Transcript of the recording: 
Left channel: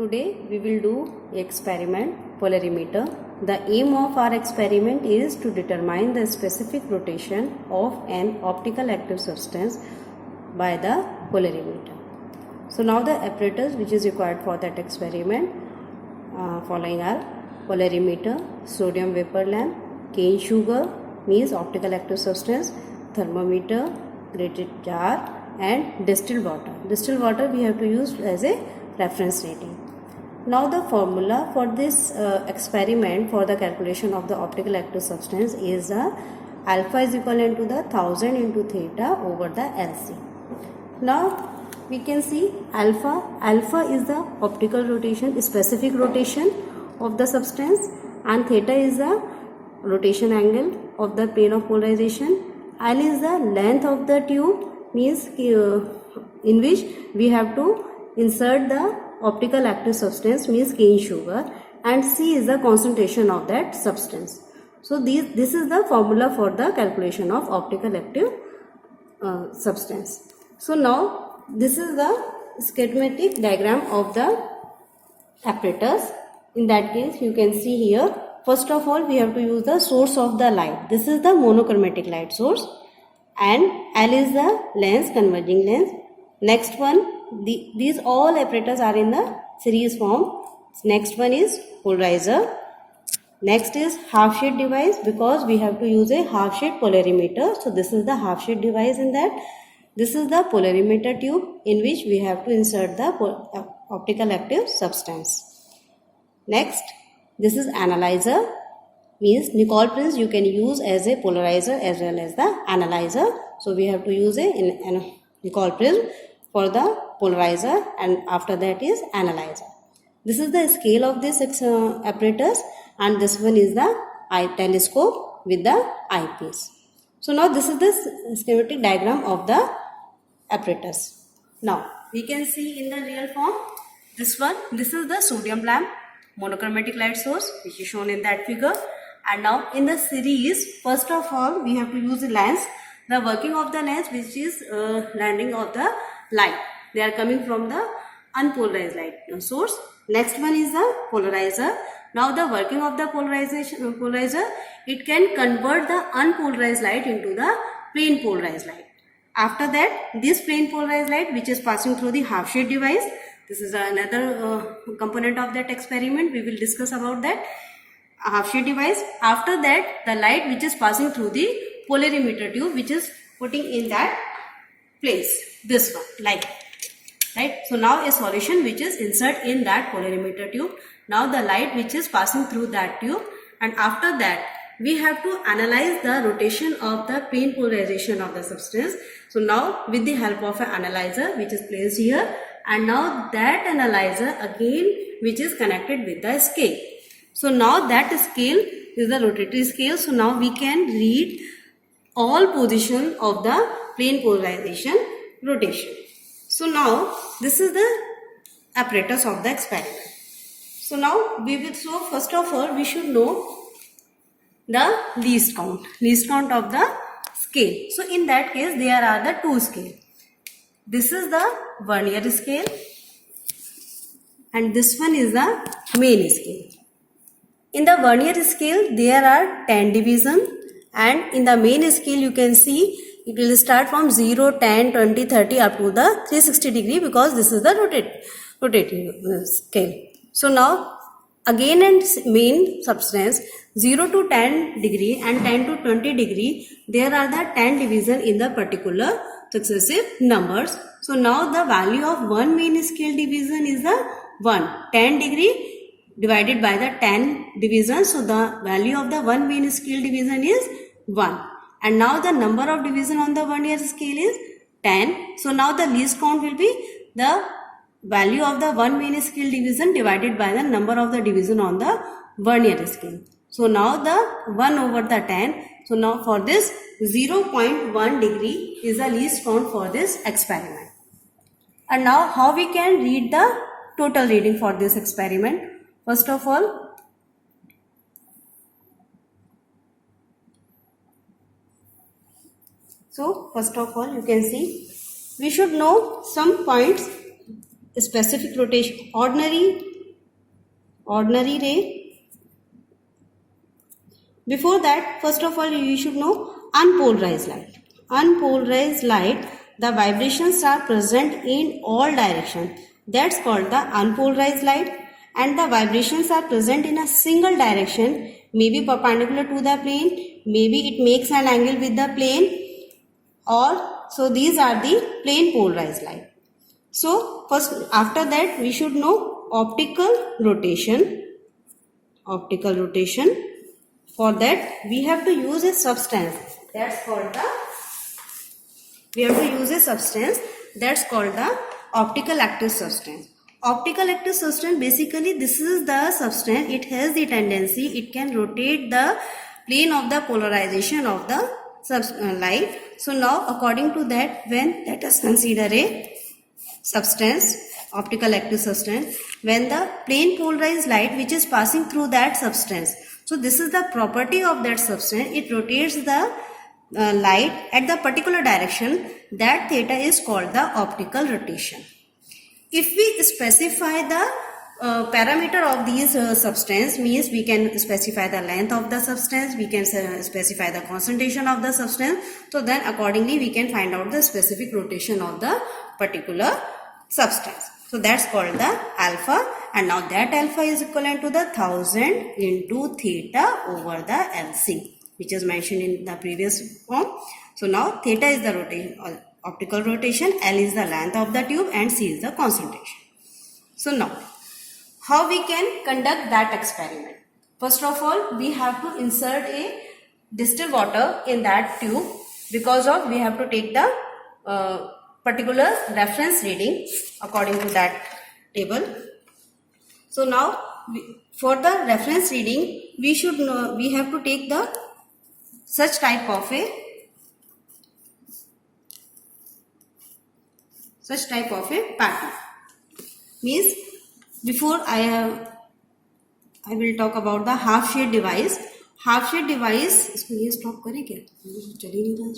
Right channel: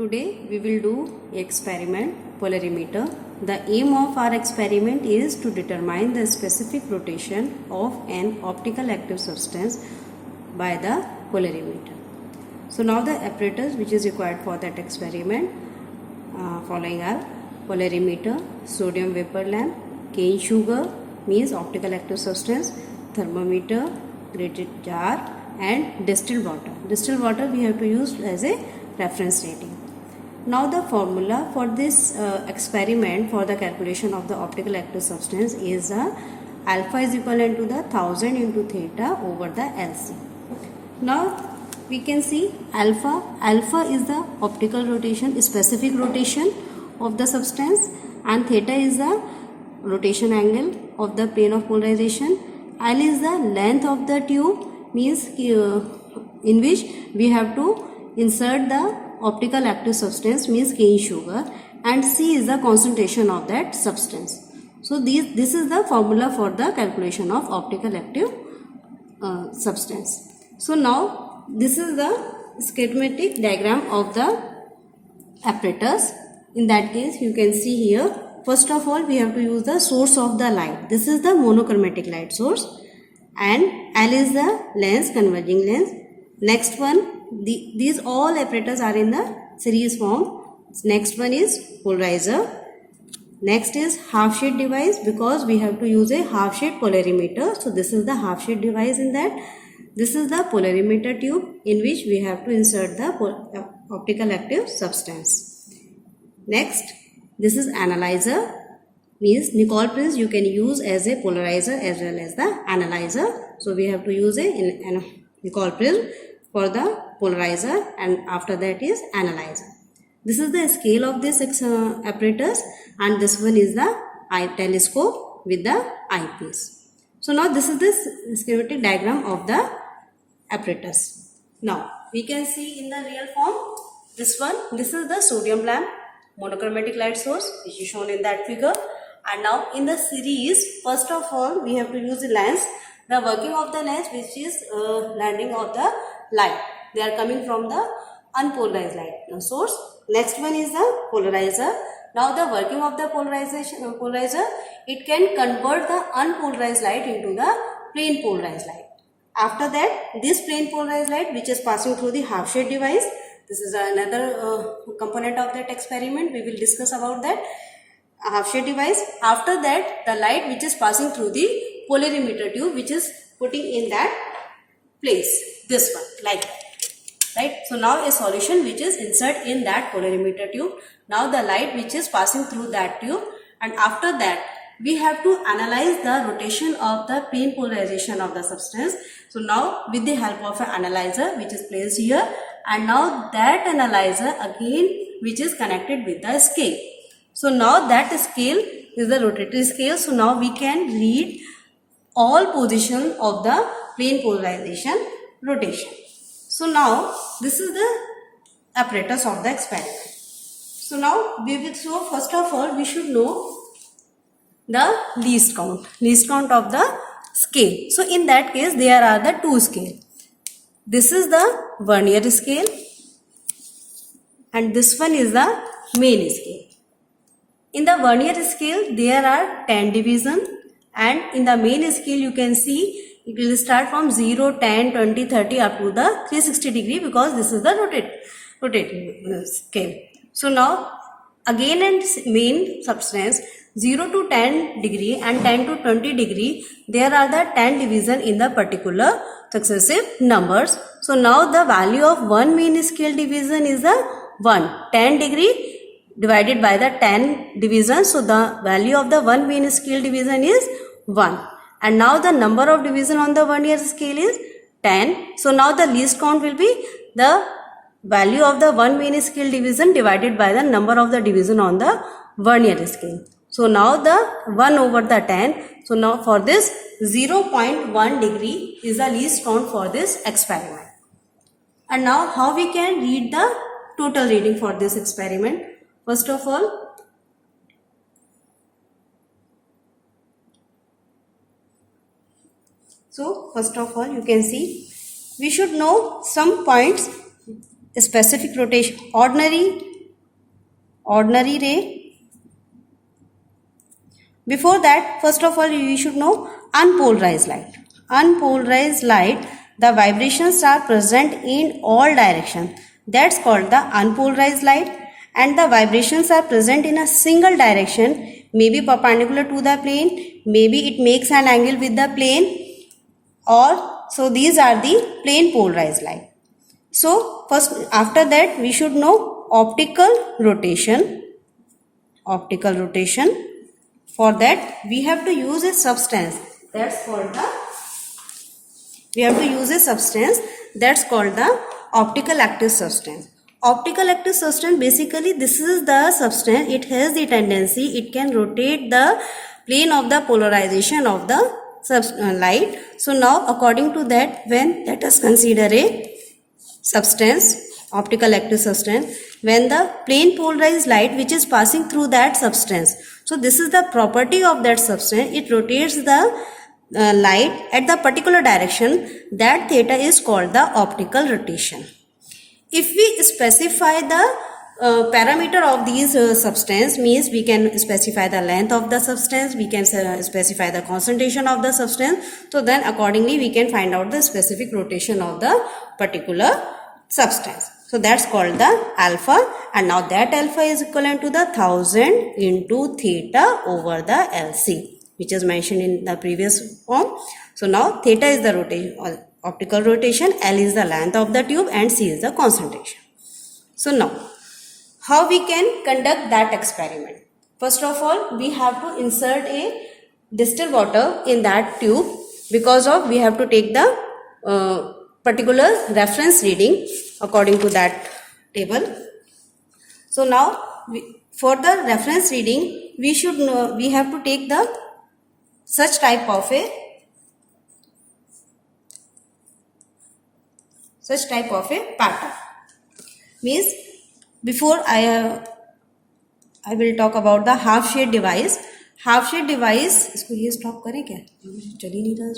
Today we will do experiment polarimeter. The aim of our experiment is to determine the specific rotation of an optical active substance by the polarimeter. So now the apparatus which is required for that experiment following are polarimeter, sodium vapor lamp, cane sugar means optical active substance, thermometer, grated jar and distilled water. Distilled water we have to use as a reference rating. Now the formula for this experiment for the calculation of the optical active substance is alpha is equivalent to the 1000 into theta over the LC. Now we can see alpha is the optical rotation, specific rotation of the substance, and theta is the rotation angle of the plane of polarization. L is the length of the tube, means in which we have to insert the optical active substance, means cane sugar, and C is the concentration of that substance. So this is the formula for the calculation of optical active substance. So now this is the schematic diagram of the apparatus. In that case you can see here, first of all we have to use the source of the light. This is the monochromatic light source, and L is the lens, converging lens. Next one, these all apparatus are in the series form. Next one is polarizer. Next is half shade device, because we have to use a half shade polarimeter. So this is the half shade device in that. This is the polarimeter tube in which we have to insert the optical active substance. Next, this is analyzer, means Nicol prism you can use as a polarizer as well as the analyzer. So we have to use a Nicol prism for the polarizer, and after that is analyzer. This is the scale of this apparatus, and this one is the eye telescope with the eyepiece. So now this is the schematic diagram of the apparatus. Now we can see in the real form this is the sodium lamp, monochromatic light source, which is shown in that figure. And now in the series, first of all we have to use the lens. The working of the lens, which is landing of the light, they are coming from the unpolarized light source. Next one is the polarizer. Now the working of the polarizer, it can convert the unpolarized light into the plane polarized light. After that, this plane polarized light which is passing through the half shade device, this is another component of that experiment. We will discuss about that half shade device. After that, the light which is passing through the polarimeter tube, which is putting in that place, this one, like that, right? So now a solution which is insert in that polarimeter tube. Now the light which is passing through that tube, and after that we have to analyze the rotation of the plane polarization of the substance. So now with the help of an analyzer which is placed here, and now that analyzer again which is connected with the scale. So now that scale is the rotatory scale. So now we can read all position of the plane polarization rotation. So now this is the apparatus of the experiment. So now we will, so first of all we should know the least count of the scale. So in that case there are the two scale. This is the vernier scale and this one is the main scale. In the vernier scale there are 10 divisions, and in the main scale you can see it will start from 0, 10, 20, 30 up to the 360 degree, because this is the rotating scale. So now again in main substance 0 to 10 degree and 10 to 20 degree, there are the 10 division in the particular successive numbers. So now the value of one main scale division is the 1. 10 degree divided by the 10 divisions. So the value of the one main scale division is 1. And now the number of division on the vernier scale is 10. So now the least count will be the value of the one main scale division divided by the number of the division on the vernier scale. So now the 1 over the 10. So now for this 0.1 degree is the least count for this experiment. And now how we can read the total reading for this experiment? First of all, you can see we should know some points, specific rotation, ordinary ordinary ray. Before that, first of all, you should know unpolarized light. Unpolarized light, the vibrations are present in all directions. That's called the unpolarized light. And the vibrations are present in a single direction, maybe perpendicular to the plane, maybe it makes an angle with the plane, or so these are the plane polarized light. So first, after that, we should know optical rotation. Optical rotation. For that, we have to use a substance that's called the optical active substance. Optical active substance, basically this is the substance, it has the tendency, it can rotate the plane of the polarization of the light. So now according to that, when let us consider a substance, optical active substance, when the plane polarized light which is passing through that substance, so this is the property of that substance, it rotates the light at the particular direction, that theta is called the optical rotation. If we specify the parameter of these substance, means we can specify the length of the substance, we can specify the concentration of the substance, so then accordingly we can find out the specific rotation of the particular substance. So that's called the alpha, and now that alpha is equivalent to the 1000 into theta over the LC, which is mentioned in the previous form. So now theta is the rotation, optical rotation, L is the length of the tube, and C is the concentration. So now, how we can conduct that experiment? First of all, we have to insert a distilled water in that tube, because of we have to take the particular reference reading according to that table. So now, for the reference reading, we should know, we have to take the such type of a pattern. Means before I will talk about the half shade device. Half shade device, इसको ये stop करें क्या? चल ही नहीं रहा.